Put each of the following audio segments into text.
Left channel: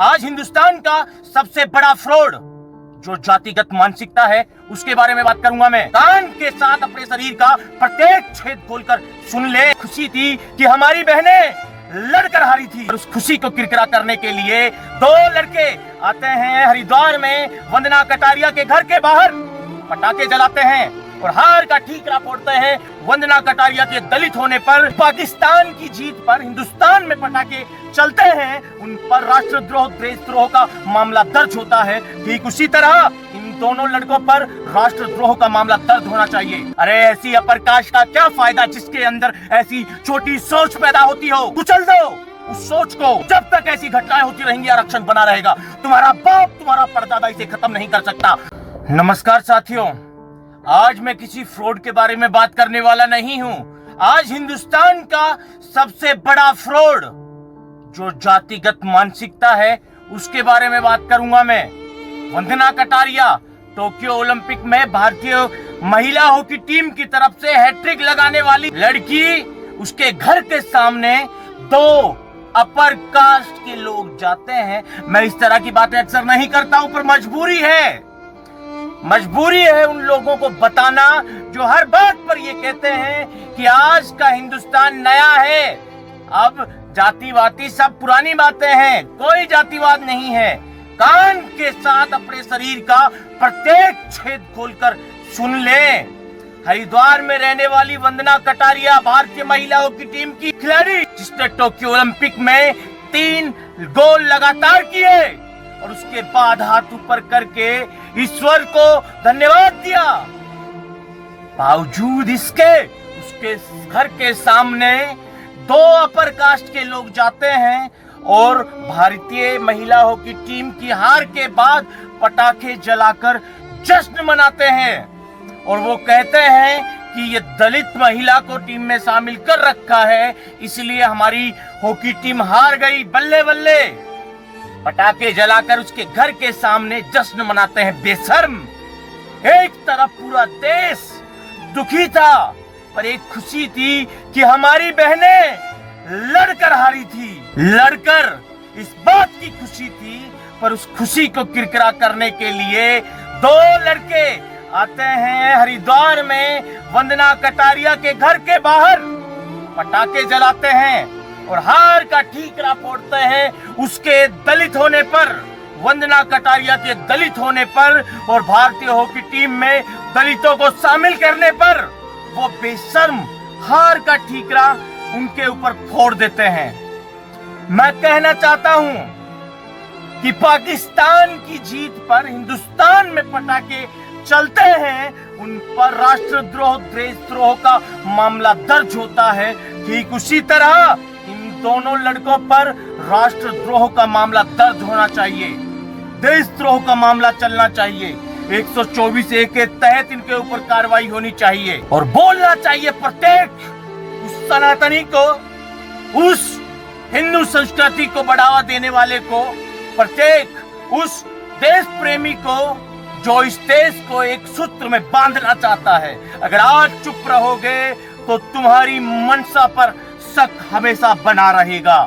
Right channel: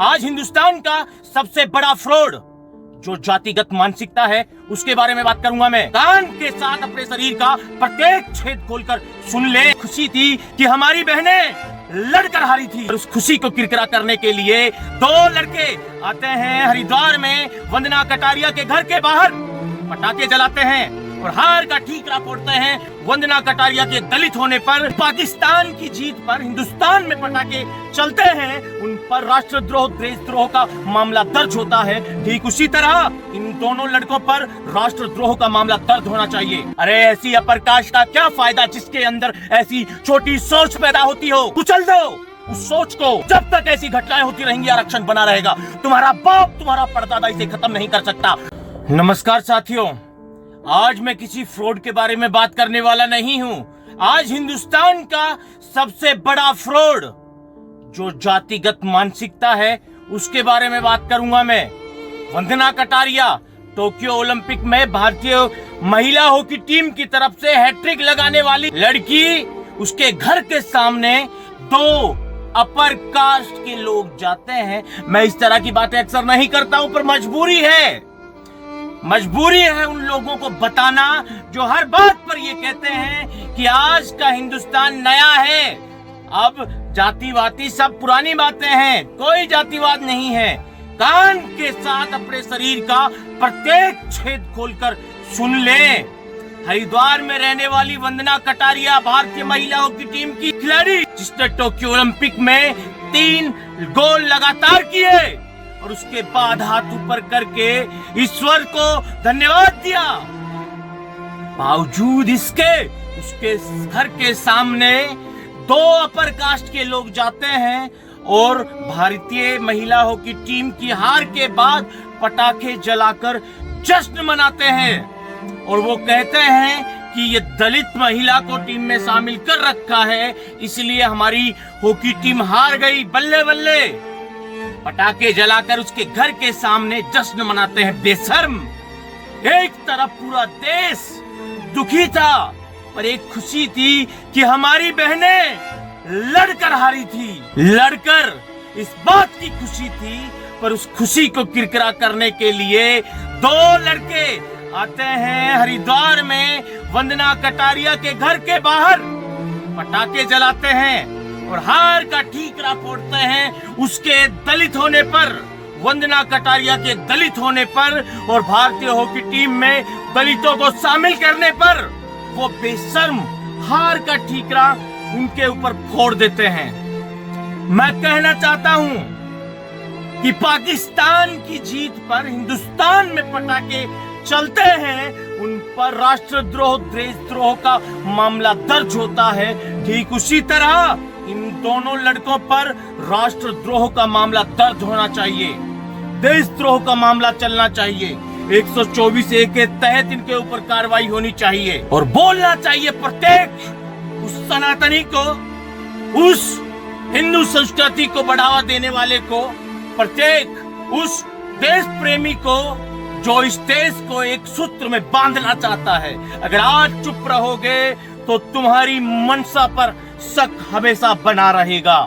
आज हिंदुस्तान का सबसे बड़ा फ्रॉड जो जातिगत मानसिकता है उसके बारे में बात करूंगा मैं। कान के साथ अपने शरीर का प्रत्येक छेद खोलकर सुन ले। खुशी थी कि हमारी बहनें लड़कर हारी थी और उस खुशी को किरकिरा करने के लिए दो लड़के आते हैं हरिद्वार में वंदना कटारिया के घर के बाहर, पटाखे जलाते हैं और हार का ठीकरा फोड़ते हैं। वंदना कटारिया के दलित होने पर, पाकिस्तान की जीत पर हिंदुस्तान में पटाखे चलते हैं, उन पर राष्ट्रद्रोह देशद्रोह का मामला दर्ज होता है। ठीक उसी तरह इन दोनों लड़कों पर राष्ट्रद्रोह का मामला दर्ज होना चाहिए। अरे ऐसी अपर कास्ट का क्या फायदा जिसके अंदर ऐसी छोटी सोच पैदा होती हो। कुचल दो उस सोच को। जब तक ऐसी घटनाएं होती रहेंगी आरक्षण बना रहेगा। तुम्हारा बाप, तुम्हारा परदादा इसे खत्म नहीं कर सकता। नमस्कार साथियों, आज मैं किसी फ्रॉड के बारे में बात करने वाला नहीं हूं। आज हिंदुस्तान का सबसे बड़ा फ्रॉड जो जातिगत मानसिकता है उसके बारे में बात करूंगा मैं। वंदना कटारिया टोक्यो ओलंपिक में भारतीय महिला हॉकी टीम की तरफ से हैट्रिक लगाने वाली लड़की, उसके घर के सामने दो अपर कास्ट के लोग जाते हैं। मैं इस तरह की बातें अक्सर नहीं करता हूं, पर मजबूरी है उन लोगों को बताना जो हर बात पर ये कहते हैं कि आज का हिंदुस्तान नया है, अब जातिवादी सब पुरानी बातें हैं, कोई जातिवाद नहीं है। कान के साथ अपने शरीर का प्रत्येक छेद खोलकर सुन लें। हरिद्वार में रहने वाली वंदना कटारिया भारतीय महिला हॉकी टीम की खिलाड़ी, जिसने टोक्यो ओलंपिक में 3 गोल लगातार किए और उसके बाद हाथ ऊपर करके ईश्वर को धन्यवाद दिया। बावजूद इसके उसके घर के सामने दो अपर कास्ट के लोग जाते हैं और भारतीय महिला हॉकी टीम की हार के बाद पटाखे जलाकर जश्न मनाते हैं और वो कहते हैं कि ये दलित महिला को टीम में शामिल कर रखा है, इसलिए हमारी हॉकी टीम हार गई, बल्ले बल्ले। पटाखे जलाकर उसके घर के सामने जश्न मनाते हैं बेशर्म। एक तरफ पूरा देश दुखी था, पर एक खुशी थी कि हमारी बहनें लड़कर हारी थी। लड़कर इस बात की खुशी थी, पर उस खुशी को किरकिरा करने के लिए दो लड़के आते हैं हरिद्वार में वंदना कटारिया के घर के बाहर, पटाखे जलाते हैं और हार का ठीकरा फोड़ते हैं उसके दलित होने पर, वंदना कटारिया के दलित होने पर और भारतीय हॉकी टीम में दलितों को शामिल करने पर वो बेशर्म हार का ठीकरा उनके ऊपर फोड़ देते हैं। मैं कहना चाहता हूं कि पाकिस्तान की जीत पर हिंदुस्तान में पटाखे चलते हैं, उन पर राष्ट्रद्रोह देशद्रोह का मामला दर्ज होता है। ठीक उसी तरह इन दोनों लड़कों पर राष्ट्रद्रोह का मामला दर्ज होना चाहिए, देशद्रोह का मामला चलना चाहिए। 124A के तहत इनके ऊपर कार्रवाई होनी चाहिए और बोलना चाहिए प्रत्येक उस सनातनी को, उस हिंदू संस्कृति को बढ़ावा देने वाले को, प्रत्येक उस देश प्रेमी को जो इस देश को एक सूत्र में बांधना चाहता है। अगर आज चुप रहोगे तो तुम्हारी मंशा पर शक हमेशा बना रहेगा।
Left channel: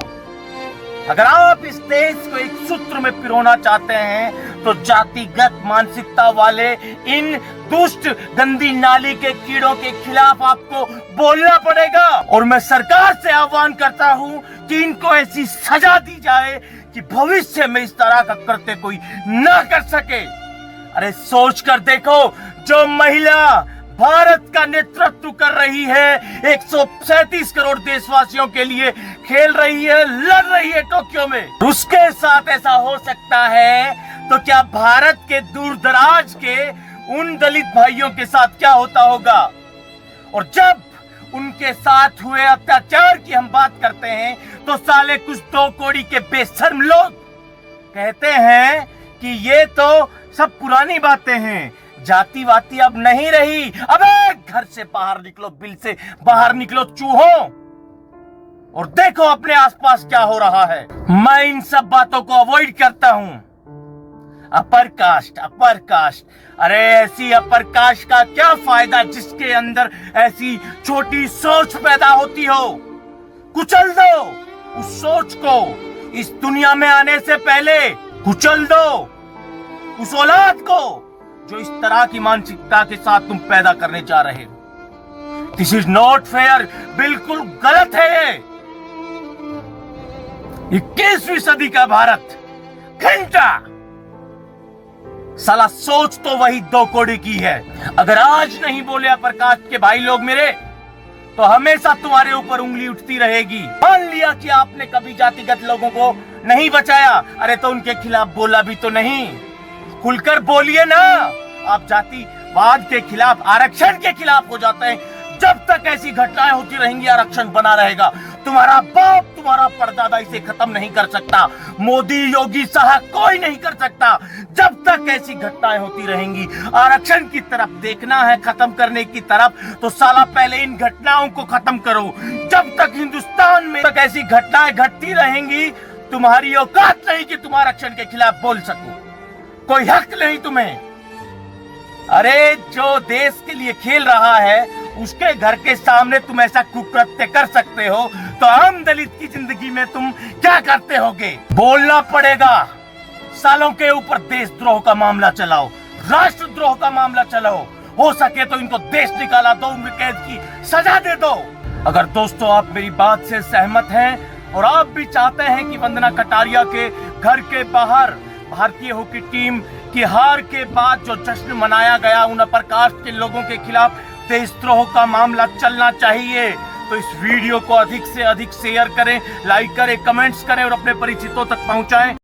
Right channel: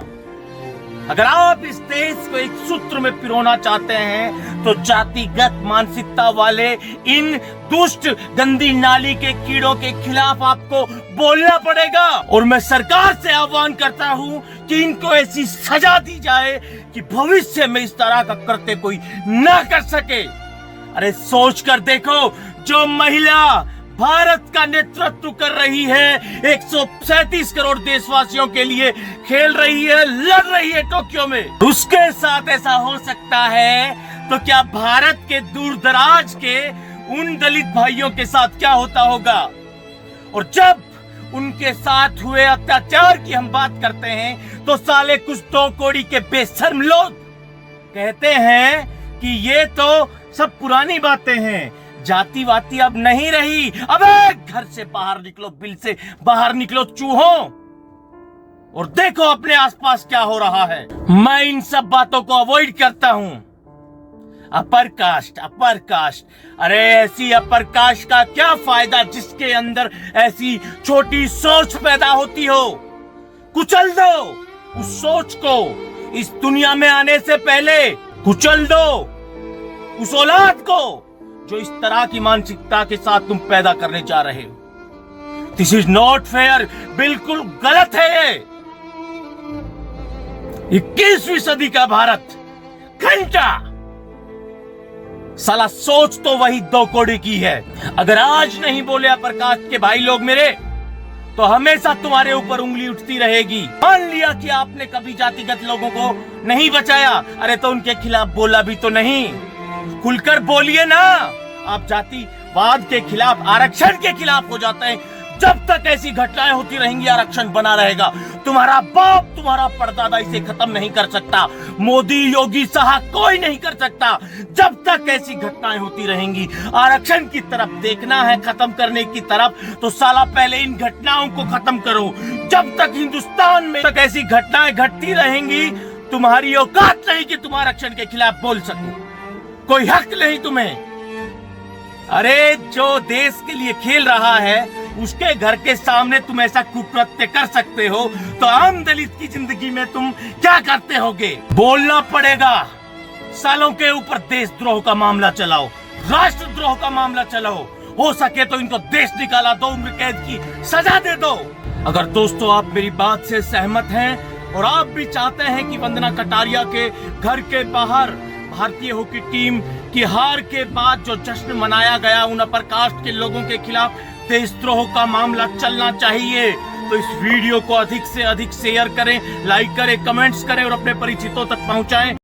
अगर आप इस देश को एक सूत्र में पिरोना चाहते हैं तो जातिगत मानसिकता वाले इन दुष्ट गंदी नाली के कीड़ों के खिलाफ आपको बोलना पड़ेगा। और मैं सरकार से आह्वान करता हूं कि इनको ऐसी सजा दी जाए कि भविष्य में इस तरह का कृत्य कोई ना कर सके। अरे सोच कर देखो, जो महिला भारत का नेतृत्व कर रही है, 137 करोड़ देशवासियों के लिए खेल रही है, लड़ रही है टोक्यो में, उसके साथ ऐसा हो सकता है तो क्या भारत के दूर दराज के उन दलित भाइयों के साथ क्या होता होगा। और जब उनके साथ हुए अत्याचार की हम बात करते हैं तो साले कुछ 2 कौड़ी के बेशर्म लोग कहते हैं कि ये तो सब पुरानी बातें हैं, जातिवादी अब नहीं रही। अबे घर से बाहर निकलो, बिल से बाहर निकलो चूहों, और देखो अपने आसपास क्या हो रहा है। मैं इन सब बातों को अवॉइड करता हूं। अपर कास्ट, अरे ऐसी अपर कास्ट का क्या फायदा जिसके अंदर ऐसी छोटी सोच पैदा होती हो। कुचल दो उस सोच को। इस दुनिया में आने से पहले कुचल दो उस औलाद को जो इस तरह की मानसिकता के साथ तुम पैदा करने जा रहे हो। दिस इज नॉट फेयर, बिल्कुल गलत है ये। 21वीं सदी का भारत घंटा साला सोच तो वही 2 कौड़ी की है। अगर आज नहीं बोले प्रकाश के भाई लोग मेरे, तो हमेशा तुम्हारे ऊपर उंगली उठती रहेगी। मान लिया कि आपने कभी जातिगत लोगों को नहीं बचाया, अरे तो उनके खिलाफ बोला भी तो नहीं। खुलकर बोलिए ना। आप जातिवाद के खिलाफ, आरक्षण के खिलाफ हो जाते हैं। जब तक ऐसी घटनाएं होती रहेंगी आरक्षण बना रहेगा। तुम्हारा बाप, तुम्हारा परदादा इसे खत्म नहीं कर सकता। मोदी, योगी, शाह कोई नहीं कर सकता। जब तक ऐसी घटनाएं होती रहेंगी, आरक्षण की तरफ देखना है खत्म करने की तरफ, तो साला पहले इन घटनाओं को खत्म करो। जब तक हिंदुस्तान में तक ऐसी घटनाएं घटती रहेंगी, तुम्हारी औकात नहीं कि तुम आरक्षण के खिलाफ बोल सको। कोई हक नहीं तुम्हें। अरे जो देश के लिए खेल रहा है उसके घर के सामने तुम ऐसा कुकृत्य कर सकते हो, तो आम दलित की जिंदगी में तुम क्या करते होगे? बोलना पड़ेगा। सालों के ऊपर देशद्रोह का मामला चलाओ, राष्ट्रद्रोह का मामला चलाओ। हो सके तो इनको देश निकाला दो, उम्र कैद की सजा दे दो। अगर दोस्तों आप मेरी बात से सहमत हैं और आप भी चाहते हैं कि वंदना कटारिया के घर के बाहर भारतीय हॉकी टीम की हार के बाद जो जश्न मनाया गया, उन अपरकास्ट के लोगों के खिलाफ देशद्रोह का मामला चलना चाहिए, तो इस वीडियो को अधिक से अधिक शेयर करें, लाइक करें, कमेंट्स करें और अपने परिचितों तक पहुंचाएं।